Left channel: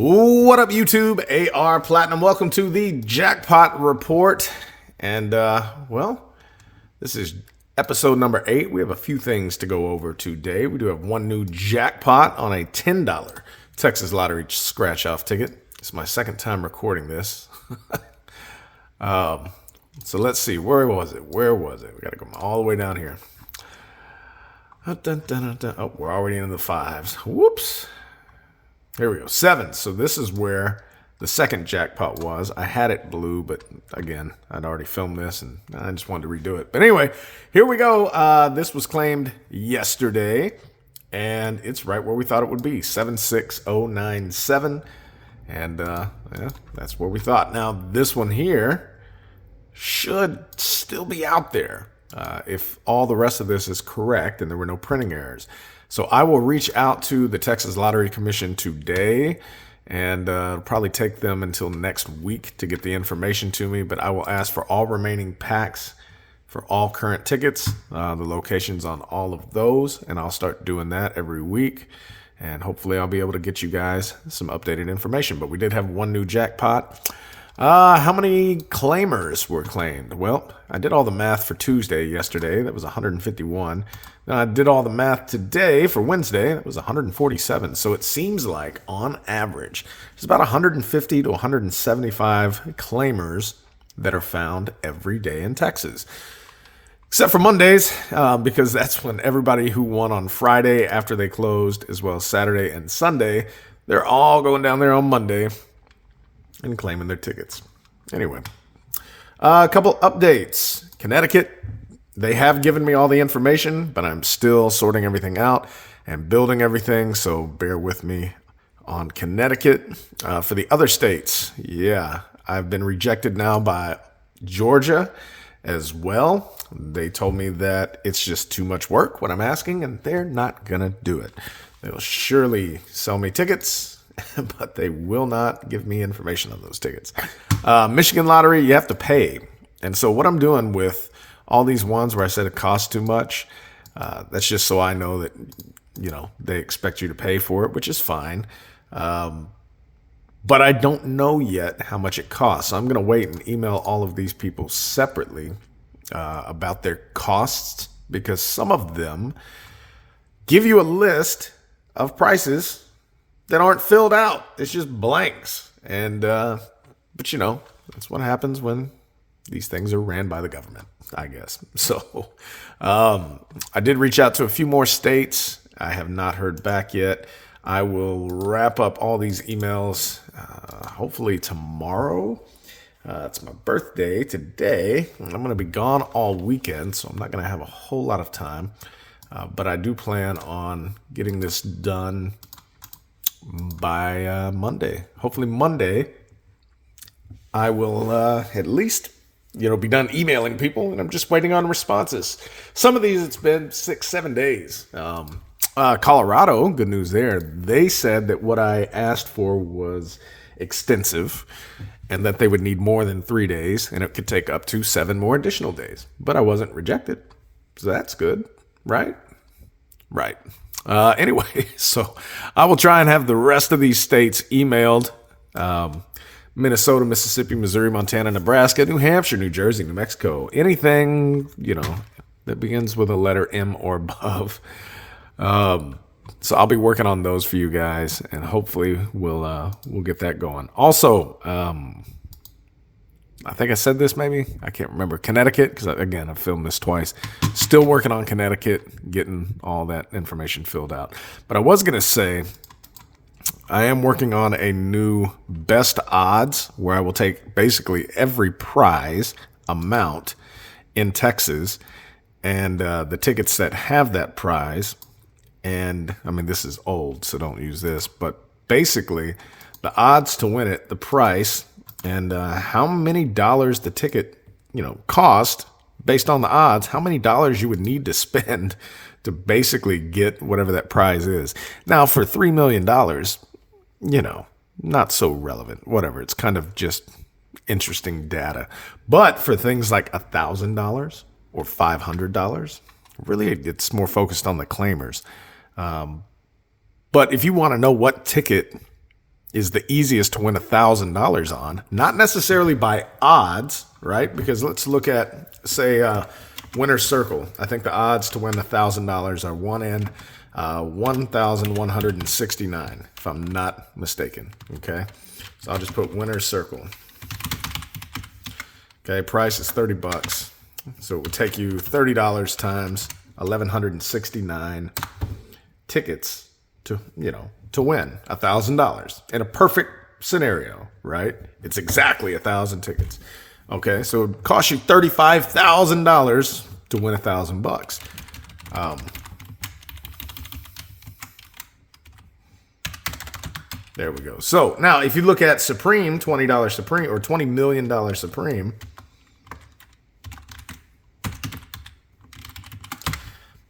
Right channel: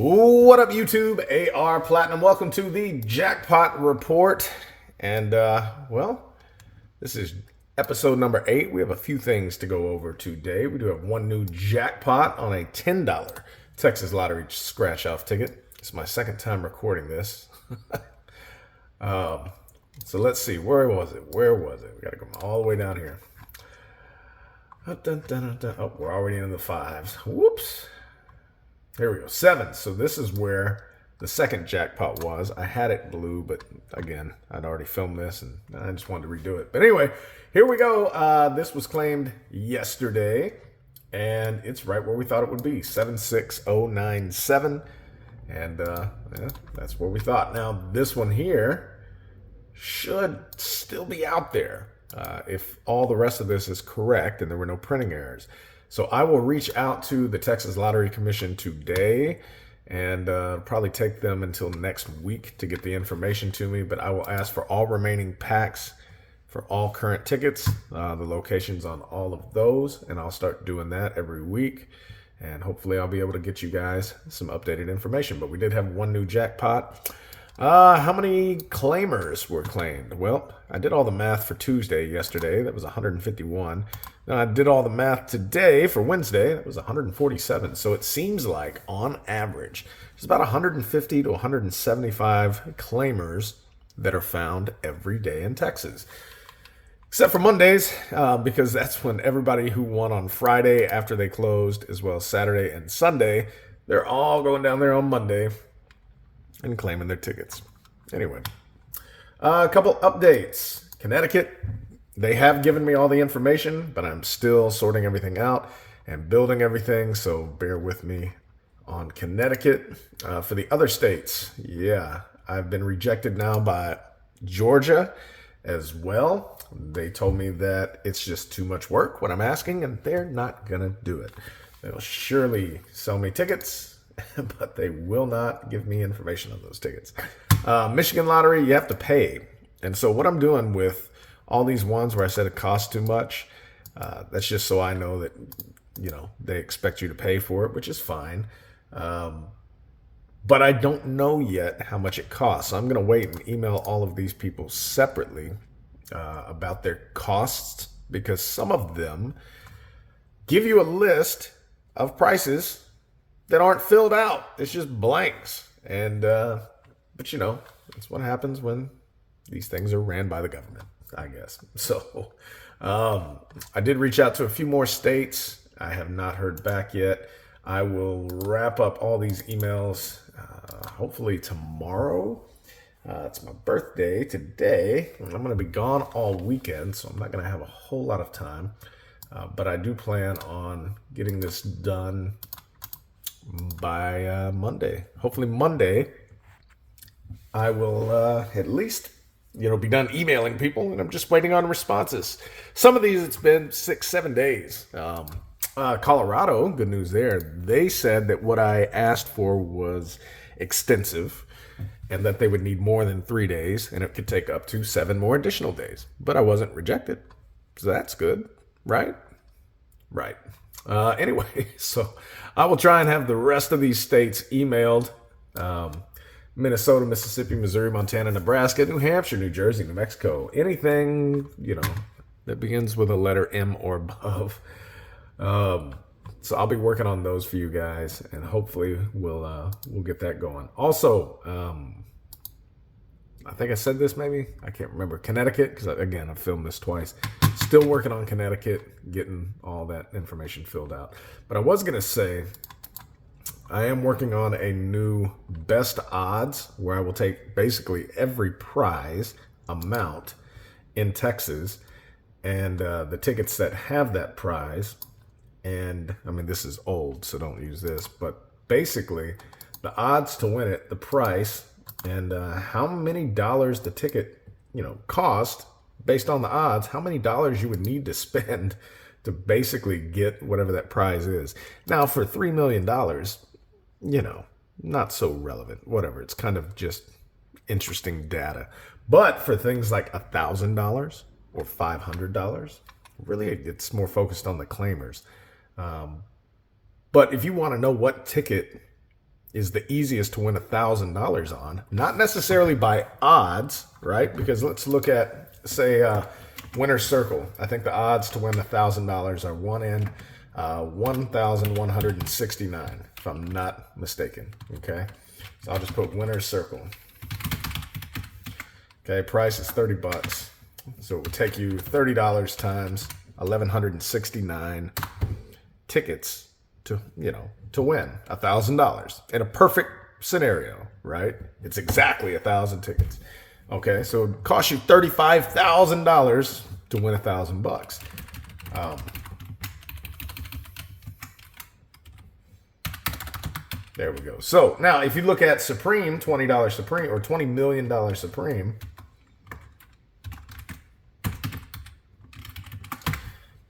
What up, YouTube? AR Platinum. Welcome to the Jackpot Report. And, well, this is episode number 8. We have a few things to go over today. We do have one new jackpot on a $10 Texas Lottery scratch-off ticket. It's my second time recording this. So let's see. Where was it? We got to go all the way down here. Oh, we're already in the fives. Whoops. Here we go. 7. So this is where the second jackpot was. I had it blue, but again, I'd already filmed this and I just wanted to redo it. But anyway, here we go. This was claimed yesterday and it's right where we thought it would be. 76097. And yeah, that's where we thought. Now this one here should still be out there if all the rest of this is correct and there were no printing errors. So I will reach out to the Texas Lottery Commission today and probably take them until next week to get the information to me. But I will ask for all remaining packs for all current tickets, the locations on all of those, and I'll start doing that every week. And hopefully I'll be able to get you guys some updated information. But we did have one new jackpot. How many claimers were claimed? Well, I did all the math for Tuesday yesterday. That was 151. I did all the math today for Wednesday. That was 147. So it seems like, on average, there's about 150 to 175 claimers that are found every day in Texas. Except for Mondays, because that's when everybody who won on Friday after they closed, as well as Saturday and Sunday, they're all going down there on Monday and claiming their tickets. Anyway, a couple updates. Connecticut, they have given me all the information, but I'm still sorting everything out and building everything, so bear with me on Connecticut. For the other states, yeah, I've been rejected now by Georgia as well. They told me that it's just too much work, what I'm asking, and they're not going to do it. They'll surely sell me tickets, but they will not give me information on those tickets. Michigan Lottery, you have to pay. And so what I'm doing with all these ones where I said it costs too much, that's just so I know that, you know, they expect you to pay for it, which is fine. But I don't know yet how much it costs. So I'm going to wait and email all of these people separately about their costs, because some of them give you a list of prices that aren't filled out. It's just blanks. And, but you know, that's what happens when these things are ran by the government, I guess. So, I did reach out to a few more states. I have not heard back yet. I will wrap up all these emails, hopefully tomorrow. It's my birthday today. I'm going to be gone all weekend, so I'm not going to have a whole lot of time. But I do plan on getting this done by Monday. Hopefully Monday I will at least, you know, be done emailing people, and I'm just waiting on responses. Some of these, it's been 6-7 days. Colorado, good news there. They said that what I asked for was extensive and that they would need more than 3 days, and it could take up to 7 more additional days. But I wasn't rejected, so that's good, right? Right. Anyway, so I will try and have the rest of these states emailed. Minnesota, Mississippi, Missouri, Montana, Nebraska, New Hampshire, New Jersey, New Mexico, anything, you know, that begins with a letter M or above. So I'll be working on those for you guys, and hopefully we'll get that going. Also, I think I said this maybe. I can't remember. Connecticut, because again, I've filmed this twice. Still working on Connecticut, getting all that information filled out. But I was going to say, I am working on a new best odds where I will take basically every prize amount in Texas and the tickets that have that prize. And I mean, this is old, so don't use this. But basically, the odds to win it, the price, and how many dollars the ticket, you know, cost based on the odds, how many dollars you would need to spend to basically get whatever that prize is. Now, for $3 million, you know, not so relevant, whatever. It's kind of just interesting data. But for things like $1,000 or $500, really, it's more focused on the claimers. But if you want to know what ticket is the easiest to win $1,000 on. Not necessarily by odds, right? Because let's look at, say, winner's circle. I think the odds to win $1,000 are 1 in 1,169, if I'm not mistaken. Okay, so I'll just put winner's circle. Okay, price is 30 bucks. So it will take you $30 times 1,169 tickets to, to win $1,000 in a perfect scenario, right? It's exactly 1,000 tickets. Okay, so it costs you $35,000 to win $1,000. There we go. So now if you look at Supreme, $20 Supreme or $20 million Supreme,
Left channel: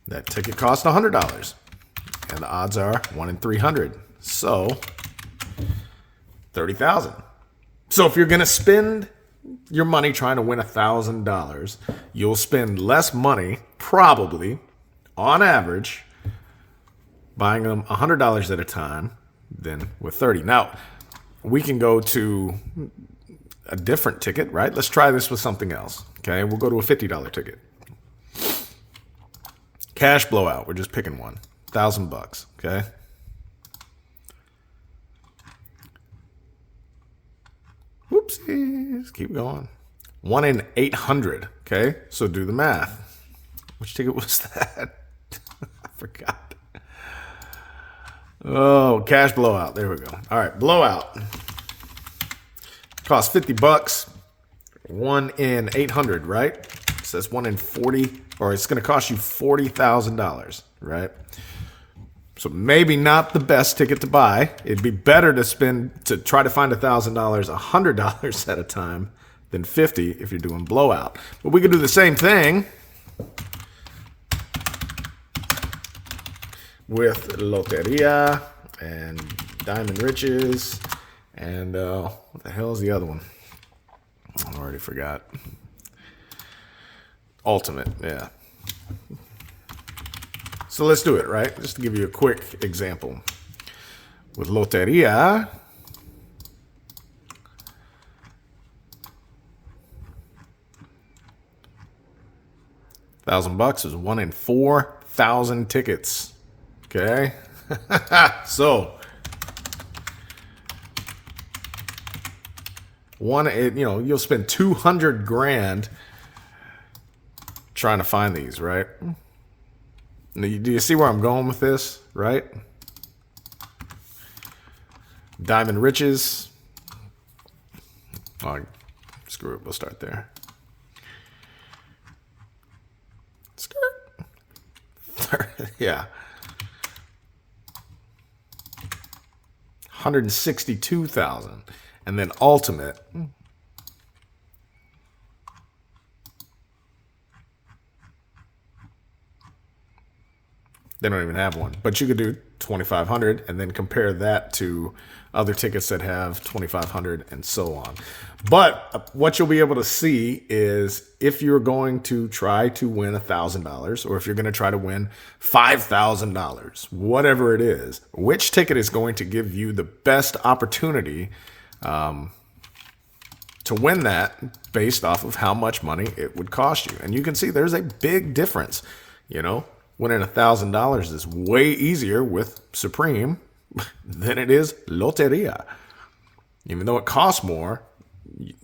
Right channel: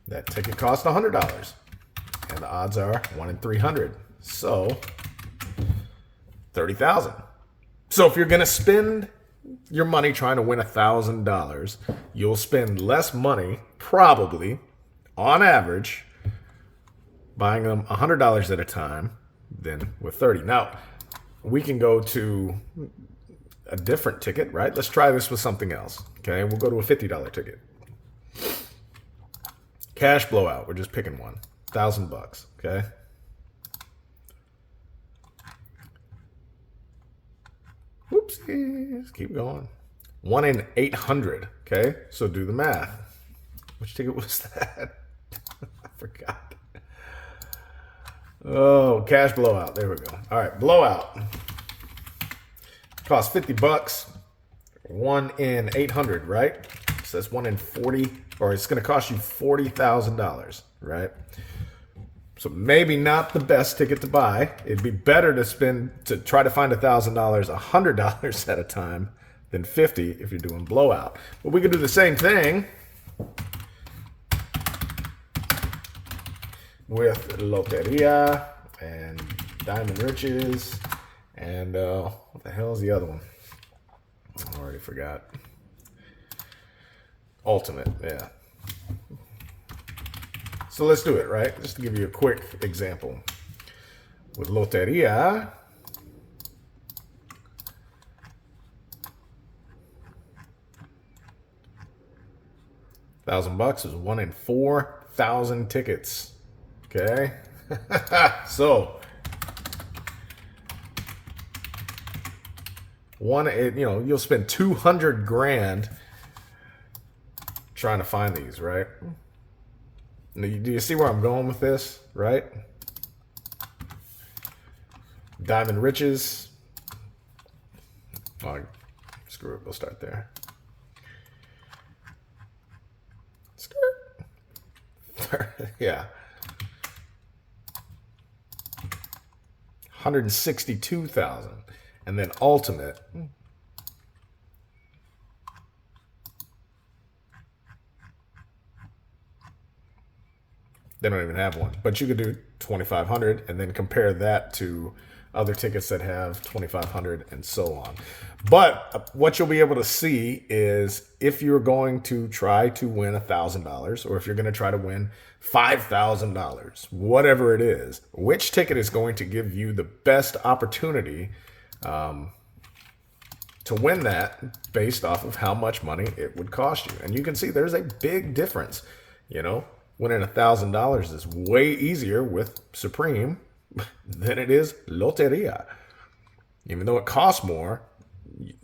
that ticket cost $100. And the odds are 1 in 300. So 30,000. So if you're going to spend your money trying to win $1,000, you'll spend less money, probably, on average, buying them $100 at a time than with 30. Now, we can go to a different ticket, right? Let's try this with something else. Okay, we'll go to a $50 ticket. Cash blowout. We're just picking one. $1,000. Okay. Whoopsies. Keep going. 1 in 800. Okay. So do the math. Which ticket was that? I forgot. Oh, cash blowout. There we go. All right. Blowout. Cost 50 bucks. 1 in 800, right? So that's 1 in 40, or it's going to cost you $40,000, right? So maybe not the best ticket to buy. It'd be better to try to find $1,000, $100 at a time than 50 if you're doing blowout. But we could do the same thing with Loteria and Diamond Riches and what the hell is the other one? I already forgot. Ultimate, yeah. So let's do it, right? Just to give you a quick example. With Loteria, $1,000 is 1 in 4,000 tickets. Okay, so you'll spend 200 grand trying to find these, right? Do you see where I'm going with this, right? Diamond Riches. Oh, screw it. We'll start there. Skirt. Yeah. 162,000. And then Ultimate. They don't even have one, but you could do 2,500 and then compare that to other tickets that have 2,500 and so on. But what you'll be able to see is if you're going to try to win $1,000 or if you're going to try to win $5,000, whatever it is, which ticket is going to give you the best opportunity to win that based off of how much money it would cost you. And you can see there's a big difference, Winning $1,000 is way easier with Supreme than it is Loteria. Even though it costs more,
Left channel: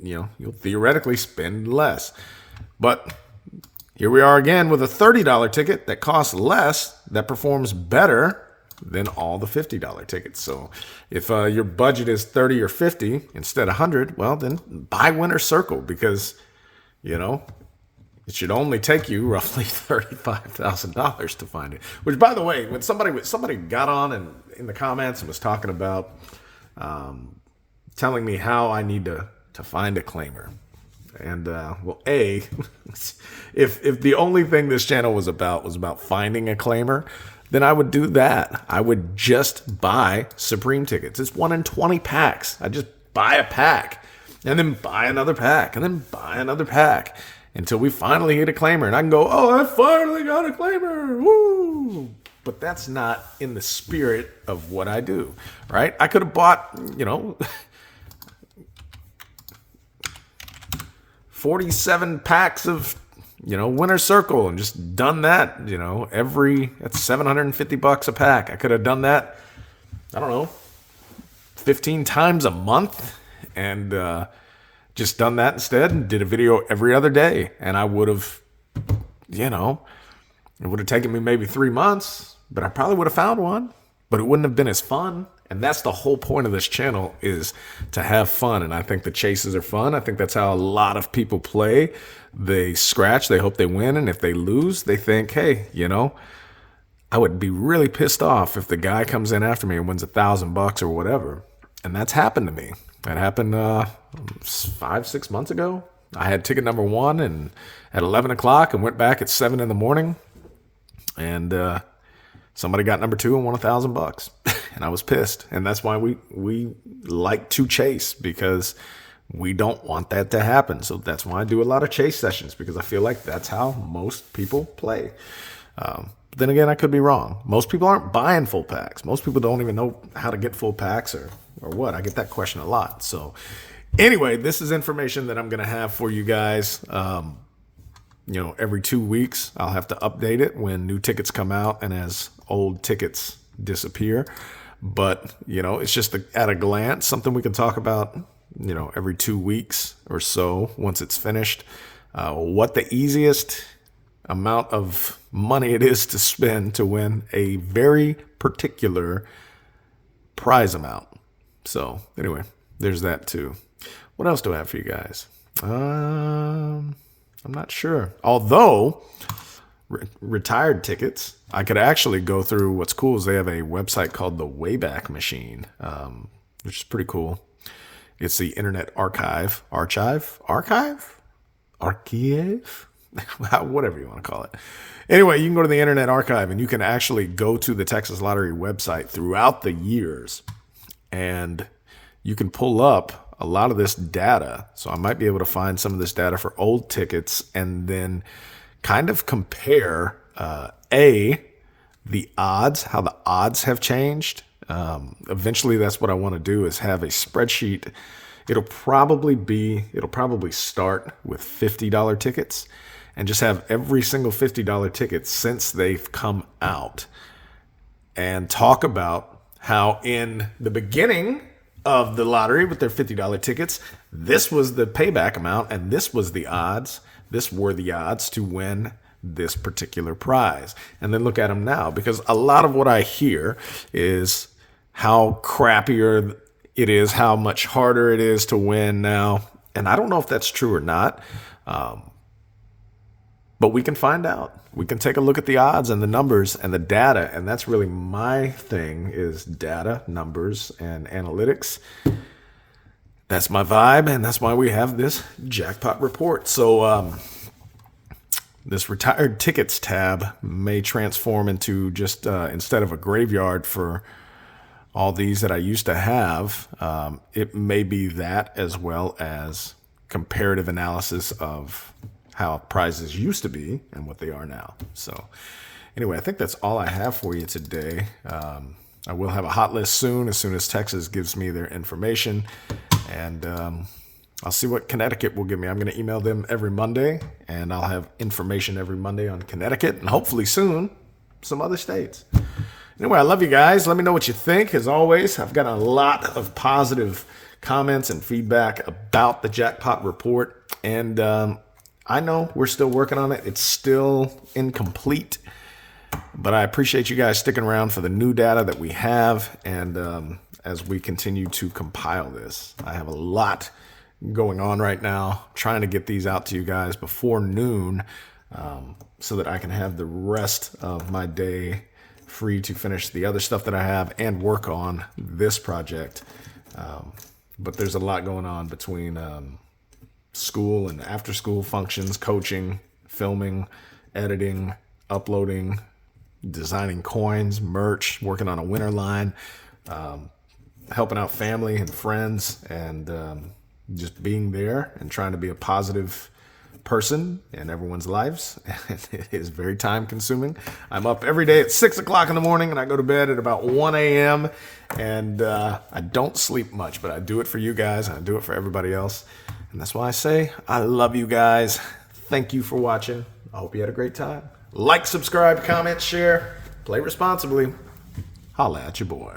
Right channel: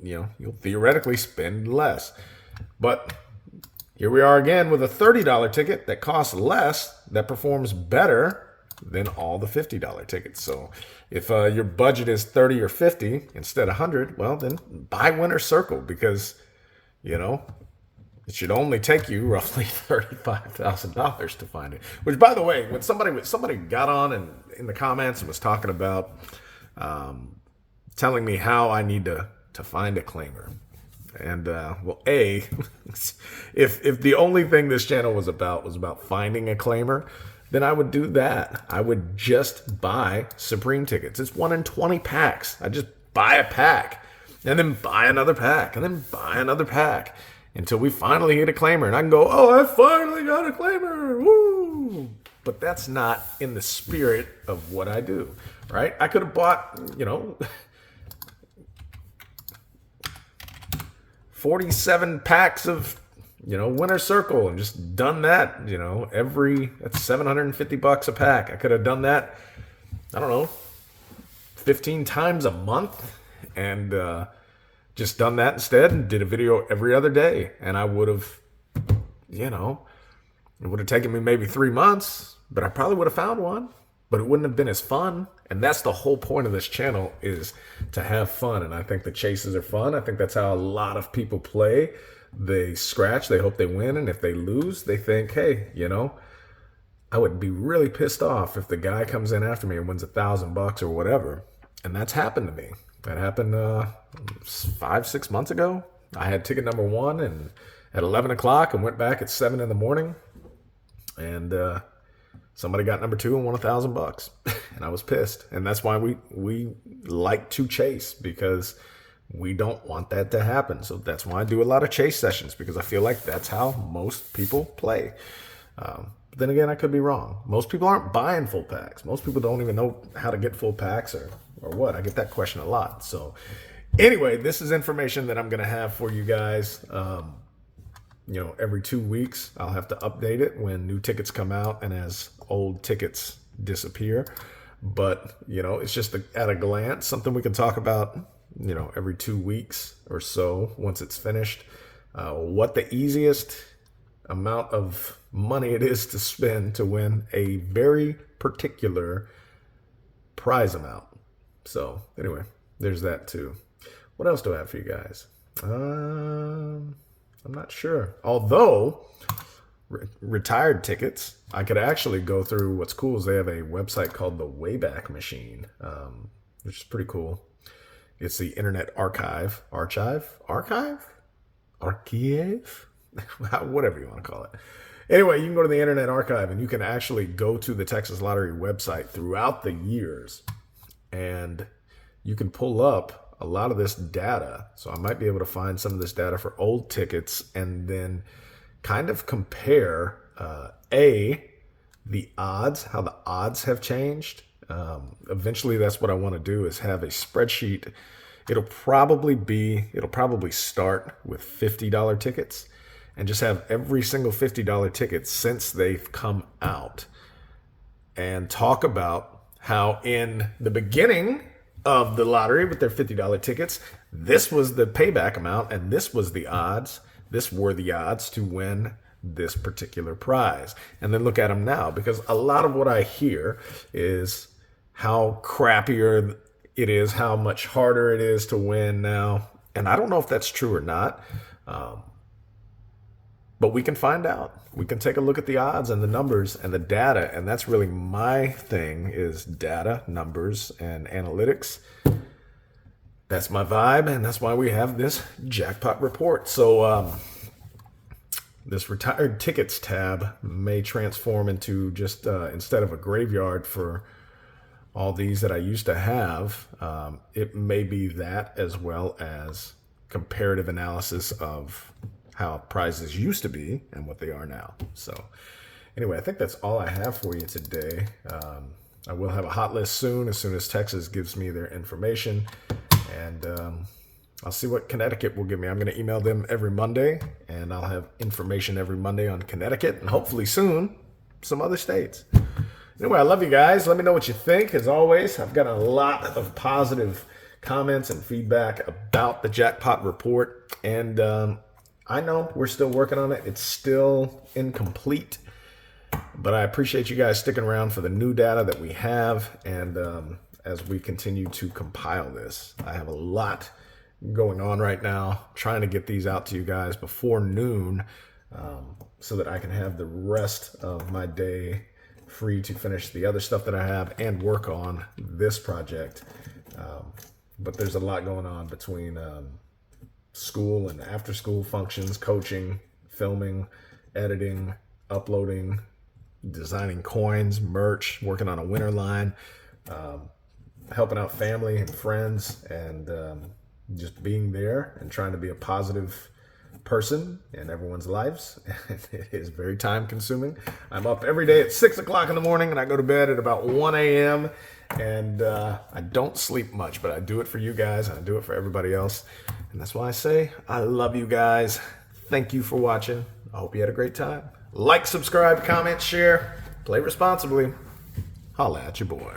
you'll theoretically spend less. But here we are again with a $30 ticket that costs less, that performs better than all the $50 tickets. So if your budget is 30 or 50 instead of 100, well, then buy Winner's Circle because, it should only take you roughly $35,000 to find it. Which, by the way, when somebody got on and in the comments and was talking about telling me how I need to find a claimer, and if the only thing this channel was about finding a claimer, then I would do that. I would just buy Supreme tickets. It's 1 in 20 packs. I just buy a pack, and then buy another pack, and then buy another pack. Until we finally hit a claimer. And I can go, oh, I finally got a claimer. Woo! But that's not in the spirit of what I do, right? I could have bought, 47 packs of, Winter Circle and just done that, that's $750 a pack. I could have done that, I don't know, 15 times a month and just done that instead and did a video every other day. And I would have, it would have taken me maybe 3 months, but I probably would have found one, but it wouldn't have been as fun. And that's the whole point of this channel, is to have fun. And I think the chases are fun. I think that's how a lot of people play. They scratch, they hope they win. And if they lose, they think, hey, I would be really pissed off if the guy comes in after me and wins $1,000 or whatever. And that's happened to me. That happened 5-6 months ago. I had ticket number 1 and at 11 o'clock and went back at 7 in the morning. And somebody got number 2 and won $1,000, and I was pissed. And that's why we like to chase, because we don't want that to happen. So that's why I do a lot of chase sessions, because I feel like that's how most people play. But then again, I could be wrong. Most people aren't buying full packs. Most people don't even know how to get full packs or what. I get that question a lot. So anyway, this is information that I'm going to have for you guys. Every 2 weeks, I'll have to update it when new tickets come out and as old tickets disappear. But, it's just at a glance, something we can talk about, every 2 weeks or so once it's finished. What the easiest amount of money it is to spend to win a very particular prize amount. So anyway, there's that too. What else do I have for you guys? I'm not sure. Although retired tickets, I could actually go through. What's cool is they have a website called the Wayback Machine, which is pretty cool. It's the Internet Archive, whatever you want to call it. Anyway, you can go to the Internet Archive and you can actually go to the Texas Lottery website throughout the years, and you can pull up a lot of this data. So I might be able to find some of this data for old tickets and then kind of compare the odds, how the odds have changed. Eventually that's what I want to do, is have a spreadsheet. It'll probably start with $50 tickets and just have every single $50 ticket since they've come out, and talk about how in the beginning of the lottery with their $50 tickets, this was the payback amount and this was the odds. This were the odds to win this particular prize. And then look at them now, because a lot of what I hear is how crappier it is, how much harder it is to win now. And I don't know if that's true or not, but we can find out. We can take a look at the odds and the numbers and the data. And that's really my thing, is data, numbers, and analytics. That's my vibe. And that's why we have this jackpot report. So this retired tickets tab may transform into just, instead of a graveyard for all these that I used to have, it may be that, as well as comparative analysis of how prizes used to be and what they are now. So anyway, I think that's all I have for you today. I will have a hot list soon as Texas gives me their information. And I'll see what Connecticut will give me. I'm going to email them every Monday, and I'll have information every Monday on Connecticut, and hopefully soon some other states. Anyway, I love you guys. Let me know what you think. As always, I've got a lot of positive comments and feedback about the Jackpot Report. And I know we're still working on it. It's still incomplete, but I appreciate you guys sticking around for the new data that we have. And as we continue to compile this, I have a lot going on right now, trying to get these out to you guys before noon, so that I can have the rest of my day free to finish the other stuff that I have and work on this project. But there's a lot going on between school and after school functions, coaching, filming, editing, uploading, designing coins, merch, working on a winter line, helping out family and friends, and just being there and trying to be a positive person in everyone's lives. It is very time consuming. I'm up every day at 6 o'clock in the morning and I go to bed at about 1 a.m. And I don't sleep much, but I do it for you guys. And I do it for everybody else. And that's why I say I love you guys. Thank you for watching. I hope you had a great time. Like, subscribe, comment, share. Play responsibly. Holla at your boy.